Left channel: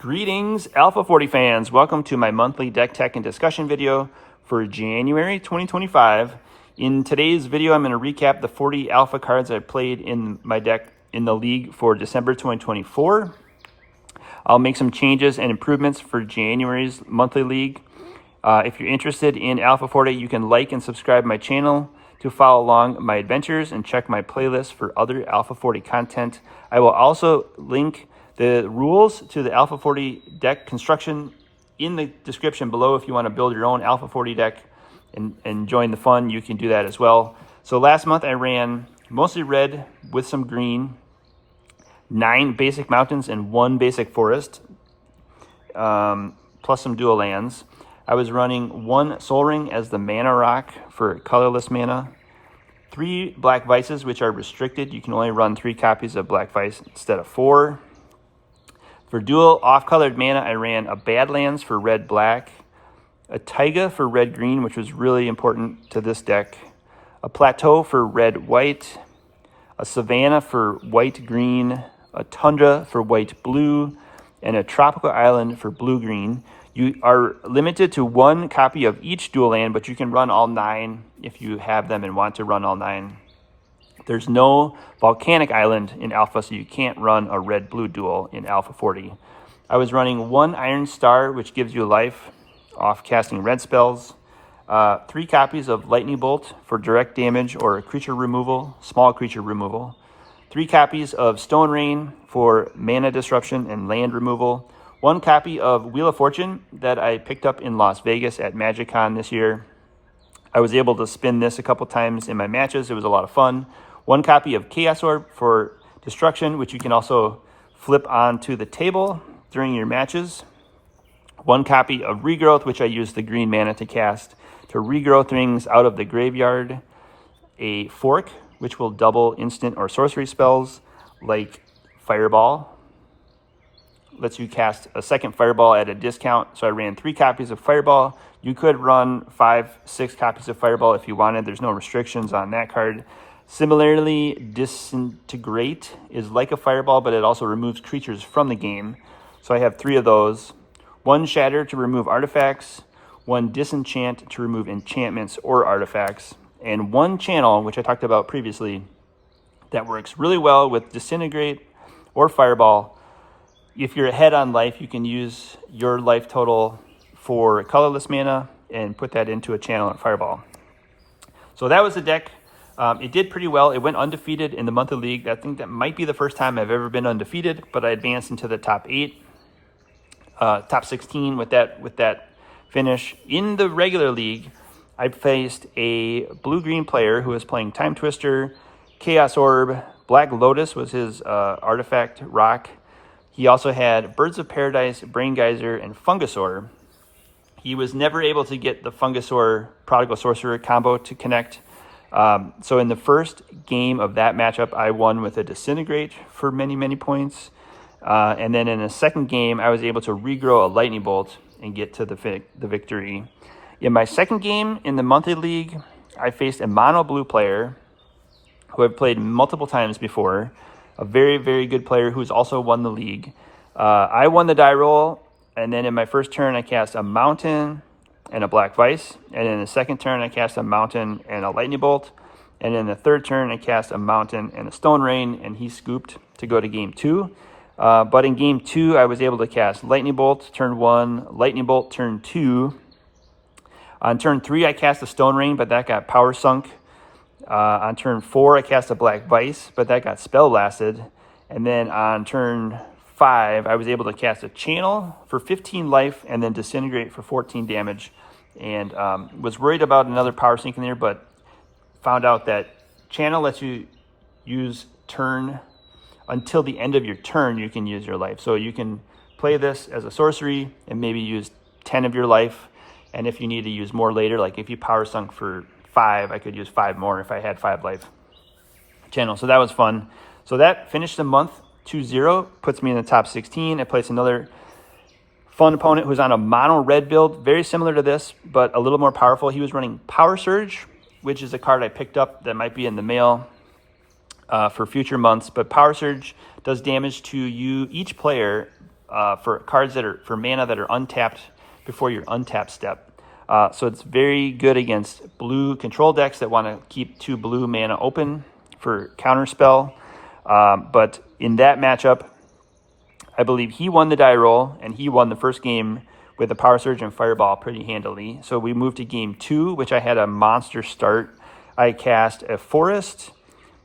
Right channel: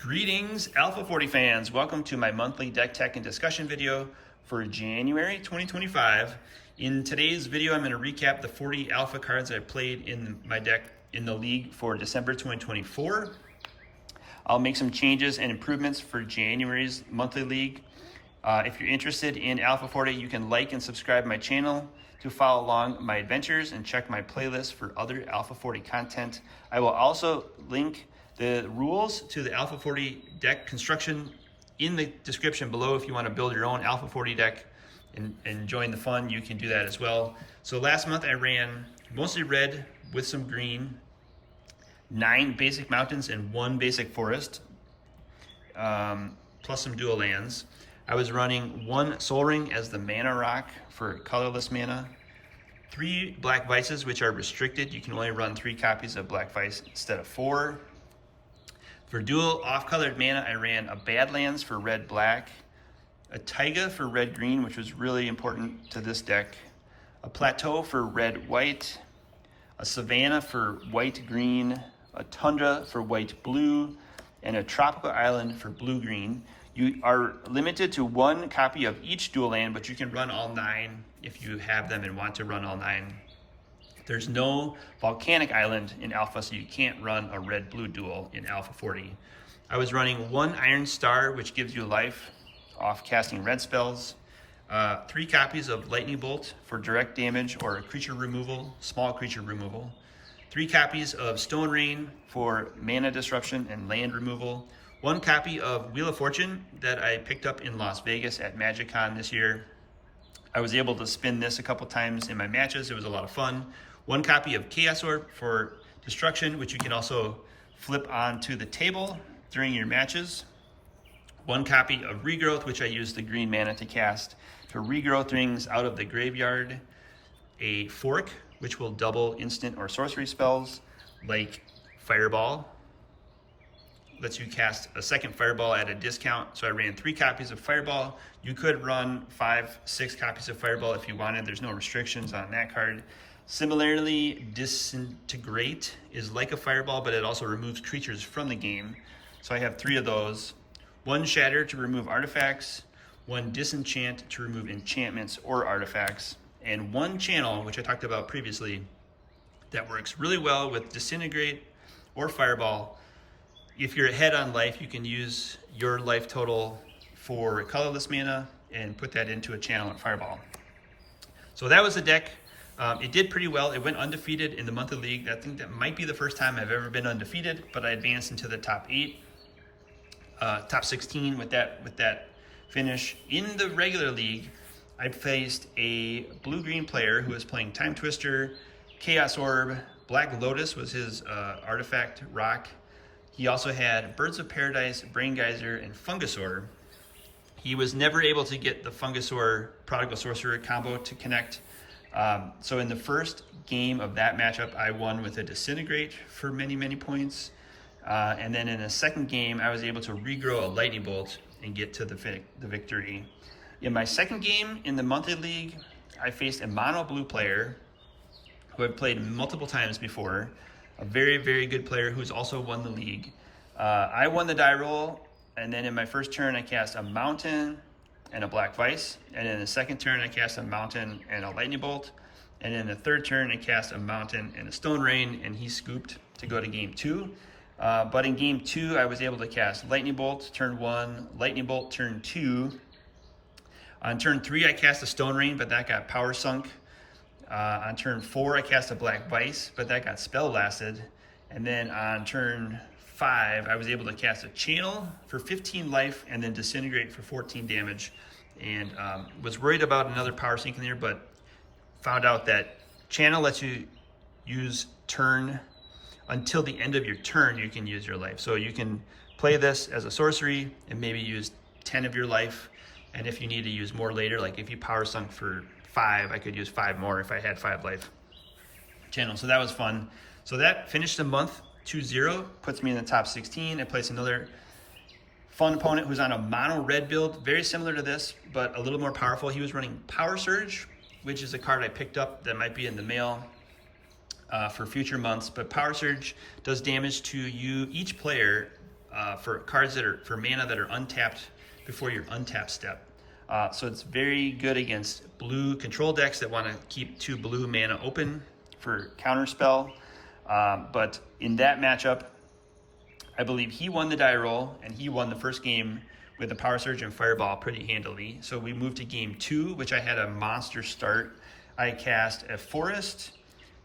Greetings, Alpha 40 fans. Welcome to my monthly deck tech and discussion video for January 2025. In today's video, I'm going to recap the 40 Alpha cards I played in my deck in the league for December 2024. I'll make some changes and improvements for January's monthly league. If you're interested in Alpha 40, you can like and subscribe my channel to follow along my adventures and check my playlist for other Alpha 40 content. I will also link the rules to the Alpha 40 deck construction in the description below. If you want to build your own Alpha 40 deck and join the fun, you can do that as well. So last month I ran mostly red with some green, 9 basic mountains and 1 basic forest, plus some dual lands. I was running 1 Soul Ring as the mana rock for colorless mana, 3 Black Vices, which are restricted. You can only run 3 copies of Black Vice instead of 4. For dual off-colored mana, I ran a Badlands for red-black, a Taiga for red-green, which was really important to this deck, a Plateau for red-white, a Savanna for white-green, a Tundra for white-blue, and a Tropical Island for blue-green. You are limited to 1 copy of each dual land, but you can run all 9 if you have them and want to run all 9. There's no Volcanic Island in Alpha, so you can't run a red-blue duel in Alpha 40. I was running 1 Iron Star, which gives you life off casting red spells, 3 copies of Lightning Bolt for direct damage or creature removal, small creature removal, 3 copies of Stone Rain for mana disruption and land removal, 1 copy of Wheel of Fortune that I picked up in Las Vegas at MagicCon this year. I was able to spin this a couple times in my matches. It was a lot of fun. 1 copy of Chaos Orb for destruction, which you can also flip onto the table during your matches. 1 copy of Regrowth, which I used the green mana to cast to regrow things out of the graveyard. A Fork, which will double instant or sorcery spells like Fireball. Lets you cast a second Fireball at a discount. So I ran 3 copies of Fireball. You could run 5, 6 copies of Fireball if you wanted. There's no restrictions on that card. Similarly, Disintegrate is like a Fireball, but it also removes creatures from the game. So I have 3 of those. 1 Shatter to remove artifacts, 1 Disenchant to remove enchantments or artifacts, and 1 Channel, which I talked about previously, that works really well with Disintegrate or Fireball. If you're ahead on life, you can use your life total for colorless mana and put that into a channel and Fireball. So that was the deck. It did pretty well. It went undefeated in the monthly league. I think that might be the first time I've ever been undefeated, but I advanced into the top 8, top 16 with that finish. In the regular league, I faced a blue-green player who was playing Time Twister, Chaos Orb, Black Lotus was his artifact rock. He also had Birds of Paradise, Brain Geyser, and Fungusaur. He was never able to get the Fungusaur Prodigal Sorcerer combo to connect. So in the first game of that matchup, I won with a Disintegrate for many, many points. And then in the second game, I was able to regrow a Lightning Bolt and get to the victory. In my second game in the monthly league, I faced a mono blue player who I've played multiple times before. A very, very good player who's also won the league. I won the die roll, and then in my first turn, I cast a Mountain and a Black Vice. And in the second turn, I cast a Mountain and a Lightning Bolt. And in the third turn, I cast a Mountain and a Stone Rain, and he scooped to go to game 2. But in game 2, I was able to cast Lightning Bolt turn 1, Lightning Bolt turn 2. On turn 3, I cast a Stone Rain, but that got power sunk. On turn 4, I cast a Black Vice, but that got spell blasted. And then on turn 5, I was able to cast a Channel for 15 life and then Disintegrate for 14 damage. And was worried about another power sink in there, but found out that Channel lets you use turn until the end of your turn, you can use your life. So you can play this as a sorcery and maybe use 10 of your life. And if you need to use more later, like if you power sunk for 5, I could use 5 more if I had 5 life channel. So that was fun. So that finished the month 2-0, puts me in the top 16. I placed another fun opponent who's on a mono red build, very similar to this, but a little more powerful. He was running Power Surge, which is a card I picked up that might be in the mail for future months. But Power Surge does damage to you, each player, for cards that are for mana that are untapped before your untap step. So it's very good against blue control decks that want to keep 2 blue mana open for counterspell. But in that matchup, I believe he won the die roll, and he won the first game with a Power Surge and Fireball pretty handily. So we moved to game 2, which I had a monster start. I cast a Forest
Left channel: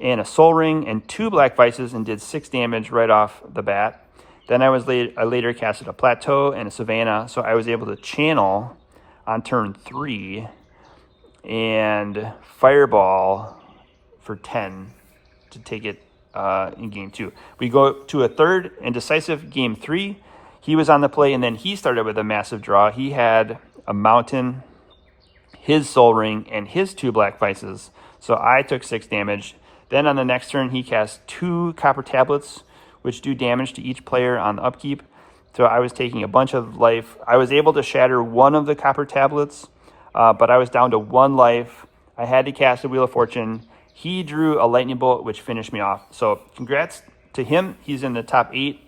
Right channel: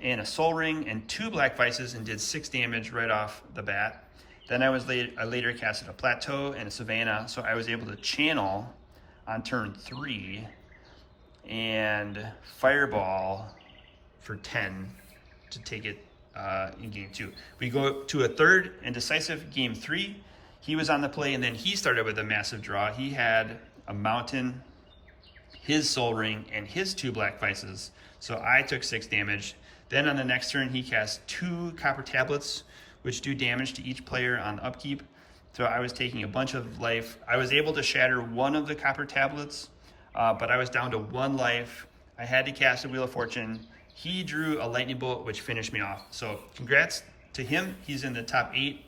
and a Soul Ring and 2 Black Vices and did 6 damage right off the bat. Then I later casted a Plateau and a Savannah, so I was able to channel on turn 3 and Fireball for 10 to take it in game 2. We go to a third and decisive game 3. He was on the play, and then he started with a massive draw. He had a Mountain, his Soul Ring, and his 2 Black Vices. So I took 6 damage. Then on the next turn, he cast 2 Copper Tablets, which do damage to each player on the upkeep. So I was taking a bunch of life. I was able to shatter 1 of the Copper Tablets, but I was down to 1 life. I had to cast a Wheel of Fortune. He drew a Lightning Bolt, which finished me off. So congrats to him. He's in the top 8.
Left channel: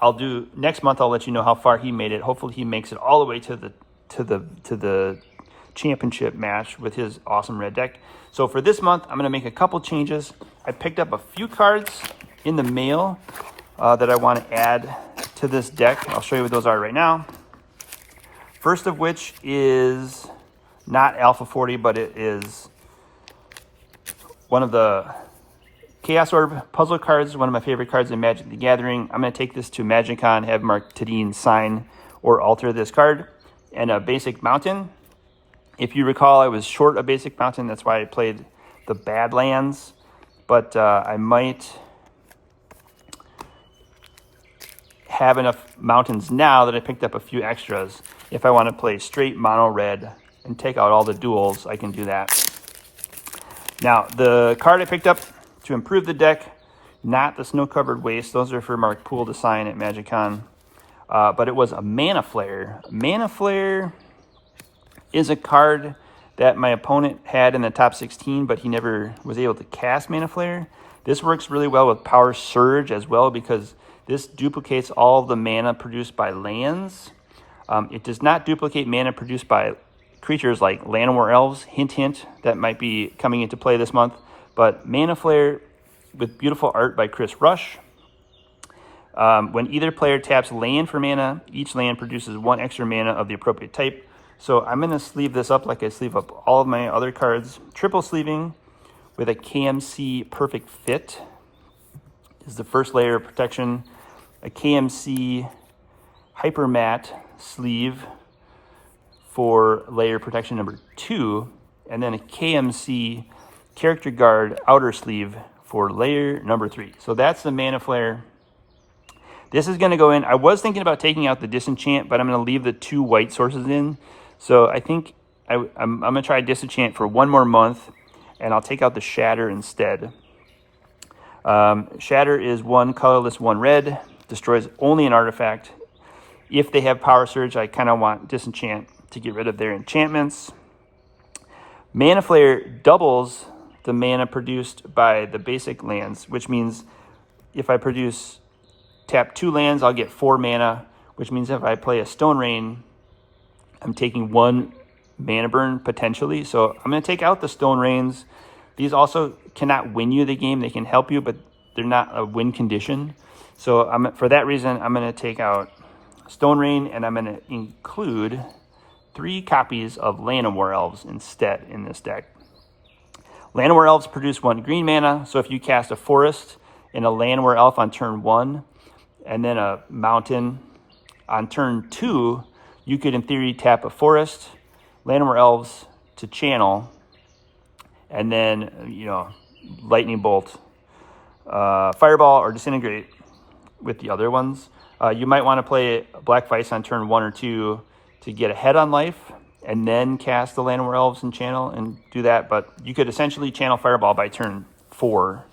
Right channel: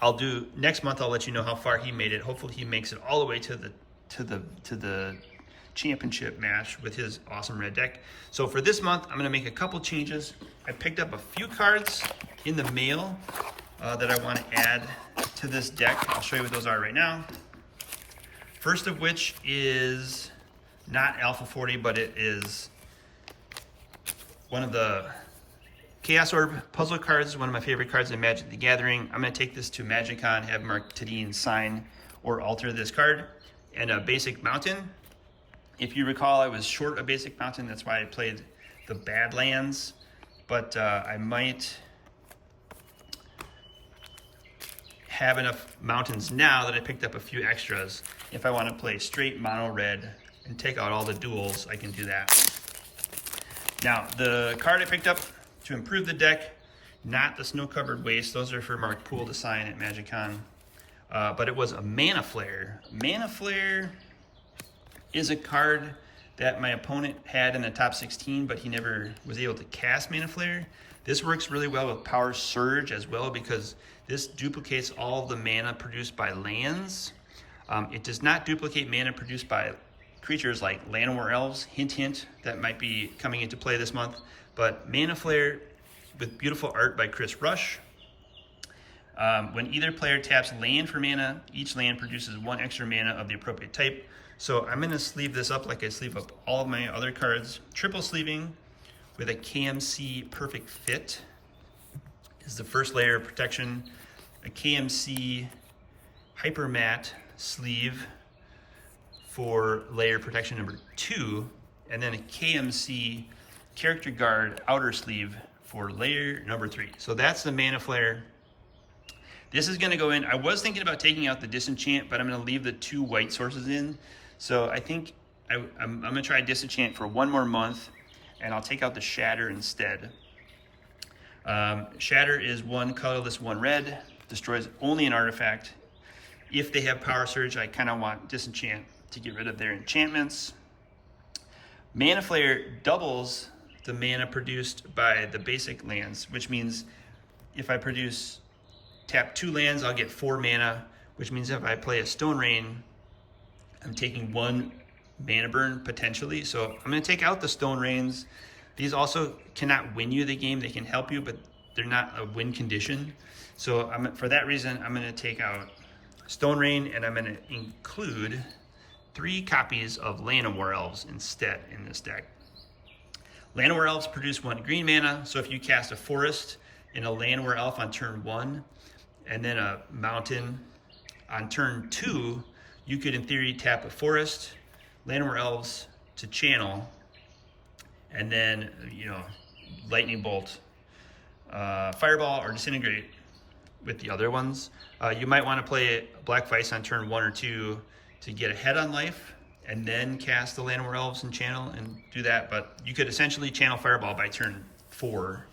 I'll do next month. I'll let you know how far he made it. Hopefully, he makes it all the way to the championship match with his awesome red deck. So for this month, I'm going to make a couple changes. I picked up a few cards in the mail that I want to add to this deck. I'll show you what those are right now. First of which is not Alpha 40, but it is one of the Chaos Orb puzzle cards, one of my favorite cards in Magic the Gathering. I'm going to take this to MagicCon, have Mark Tadine sign or alter this card, and a basic mountain. If you recall, I was short a basic mountain. That's why I played the Badlands, but I might have enough mountains now that I picked up a few extras. If I want to play straight mono red and take out all the duels, I can do that. Now, the card I picked up to improve the deck, not the Snow-Covered Waste. Those are for Mark Poole to sign at MagicCon. But it was a Mana Flare. Mana Flare is a card that my opponent had in the top 16, but he never was able to cast Mana Flare. This works really well with Power Surge as well, because this duplicates all the mana produced by lands. It does not duplicate mana produced by creatures like Llanowar Elves. Hint, hint, that might be coming into play this month. But Mana Flare with beautiful art by Chris Rush. When either player taps land for mana, each land produces 1 extra mana of the appropriate type. So I'm going to sleeve this up like I sleeve up all of my other cards. Triple sleeving with a KMC Perfect Fit is the first layer of protection. A KMC Hyper Matte sleeve for layer protection number 2. And then a KMC Character Guard outer sleeve for layer number 3. So that's the Mana Flare. This is going to go in. I was thinking about taking out the Disenchant, but I'm going to leave the 2 white sources in. So I think I'm going to try Disenchant for 1 more month, and I'll take out the Shatter instead. Shatter is 1 colorless, 1 red. Destroys only an artifact. If they have Power Surge, I kind of want Disenchant to get rid of their enchantments. Mana Flare doubles the mana produced by the basic lands, which means if I tap 2 lands, I'll get 4 mana, which means if I play a Stone Rain, I'm taking 1 mana burn potentially. So I'm going to take out the Stone Rains. These also cannot win you the game. They can help you, but they're not a win condition. So for that reason, I'm going to take out Stone Rain, and I'm going to include 3 copies of Llanowar Elves instead in this deck. Llanowar Elves produce 1 green mana, so if you cast a Forest and a Llanowar Elf on turn 1, and then a Mountain on turn 2, you could in theory tap a Forest, Llanowar Elves to channel, and then, Lightning Bolt, Fireball, or Disintegrate with the other ones. You might want to play Black Vice on turn 1 or 2 to get ahead on life, and then cast the Llanowar Elves and channel and do that. But you could essentially channel Fireball by turn 4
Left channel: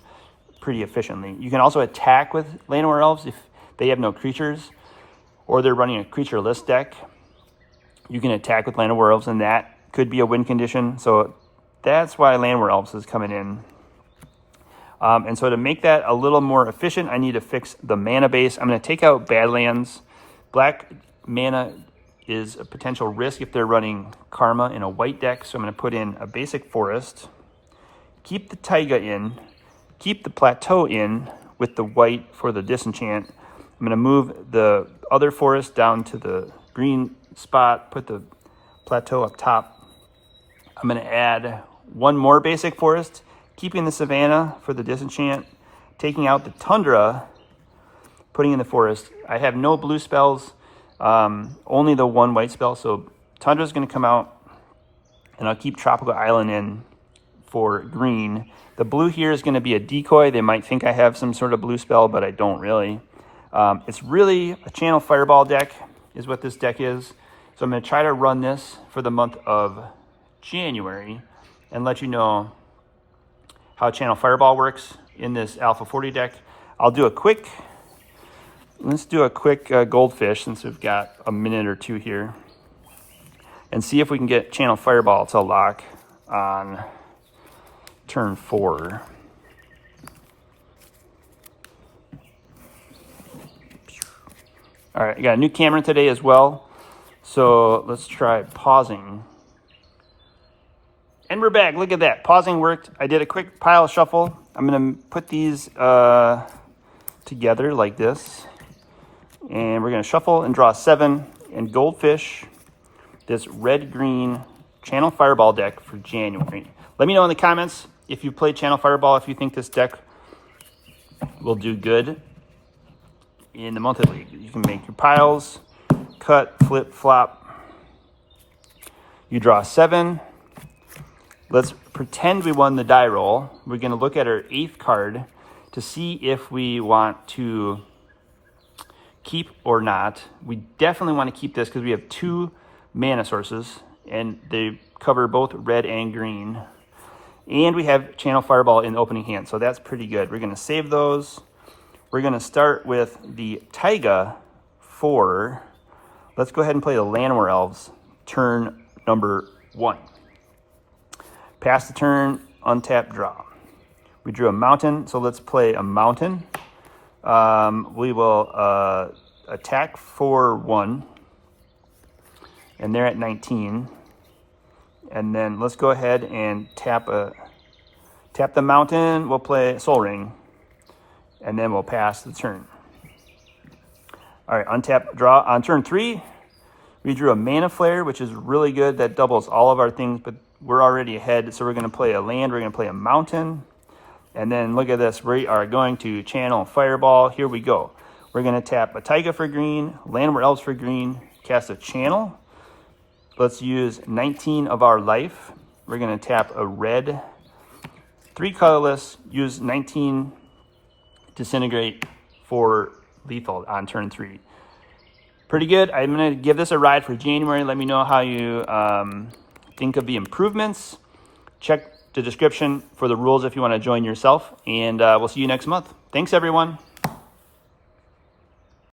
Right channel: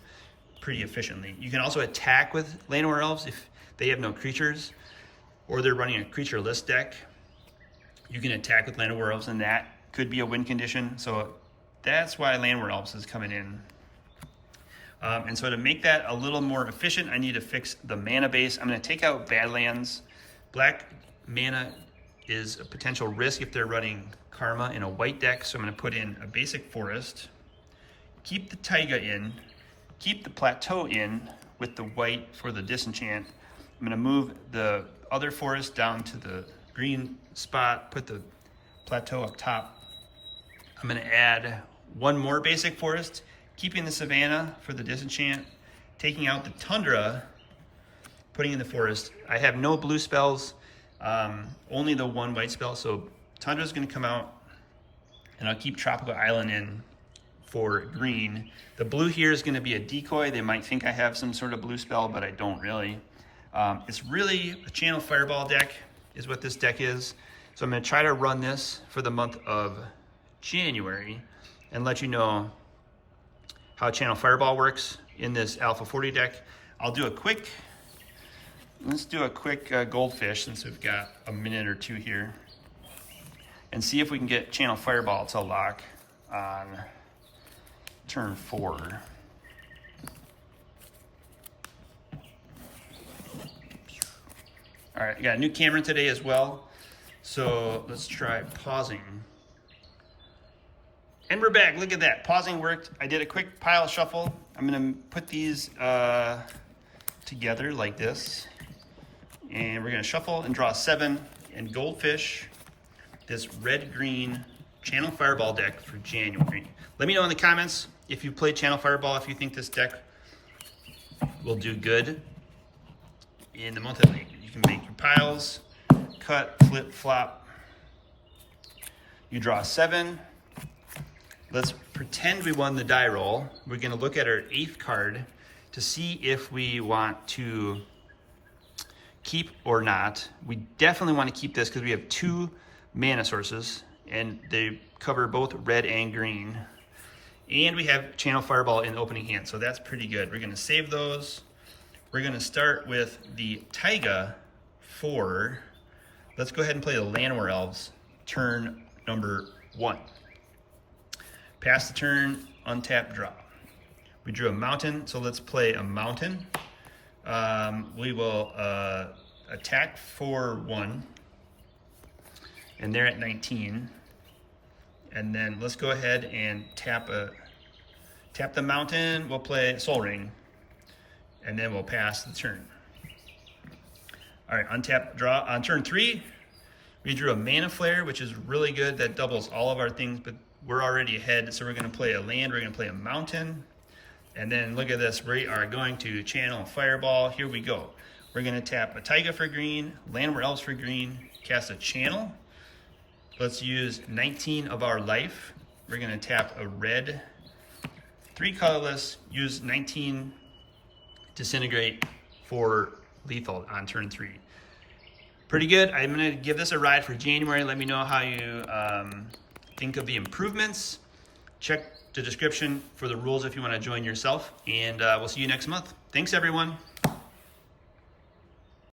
pretty efficiently. You can also attack with Llanowar Elves if they have no creatures, or they're running a creature-less deck. You can attack with Llanowar Elves, and that could be a win condition. So that's why Llanowar Elves is coming in. And so to make that a little more efficient, I need to fix the mana base. I'm going to take out Badlands. Black mana is a potential risk if they're running Karma in a white deck. So I'm going to put in a basic forest, keep the Taiga in, keep the Plateau in with the white for the disenchant. I'm going to move the other forest down to the green spot, put the Plateau up top. I'm going to add one more basic forest, keeping the Savannah for the disenchant, taking out the Tundra, putting in the forest. I have no blue spells, only the one white spell, so Tundra's going to come out, and I'll keep Tropical Island in for green. The blue here is going to be a decoy. They might think I have some sort of blue spell, but I don't really. It's really a Channel Fireball deck is what this deck is. So I'm going to try to run this for the month of January and let you know how Channel Fireball works in this Alpha 40 deck. Let's do a quick Goldfish since we've got a minute or two here and see if we can get Channel Fireball to lock on turn 4. All right, I got a new camera today as well. So let's try pausing. And we're back, look at that, pausing worked. I did a quick pile shuffle. I'm gonna put these together like this. And we're gonna shuffle and draw 7 and Goldfish, this red-green Channel Fireball deck for January. Let me know in the comments if you played Channel Fireball, if you think this deck will do good in the month of April. You can make your piles, cut, flip, flop. You draw 7. Let's pretend we won the die roll. We're gonna look at our 8th card to see if we want to keep or not. We definitely want to keep this because we have 2 mana sources and they cover both red and green. And we have Channel Fireball in opening hand, so that's pretty good. We're gonna save those. We're gonna start with the Taiga 4. Let's go ahead and play the Llanowar Elves, turn number 1. Pass the turn, untap, draw. We drew a mountain, so let's play a mountain. We will attack for 1, and they're at 19. And then let's go ahead and tap the mountain. We'll play Soul Ring, and then we'll pass the turn. All right, untap, draw. On turn 3, we drew a Mana Flare, which is really good. That doubles all of our things, but we're already ahead. So we're going to play a land. We're going to play a mountain. And then look at this. We are going to Channel Fireball. Here we go. We're going to tap a Taiga for green, Llanowar Elves for green, cast a Channel. Let's use 19 of our life. We're going to tap a red, 3 colorless, use 19 Disintegrate for lethal on turn 3. Pretty good. I'm going to give this a ride for January. Let me know how you think of the improvements. Check the description for the rules if you want to join yourself. And we'll see you next month. Thanks, everyone.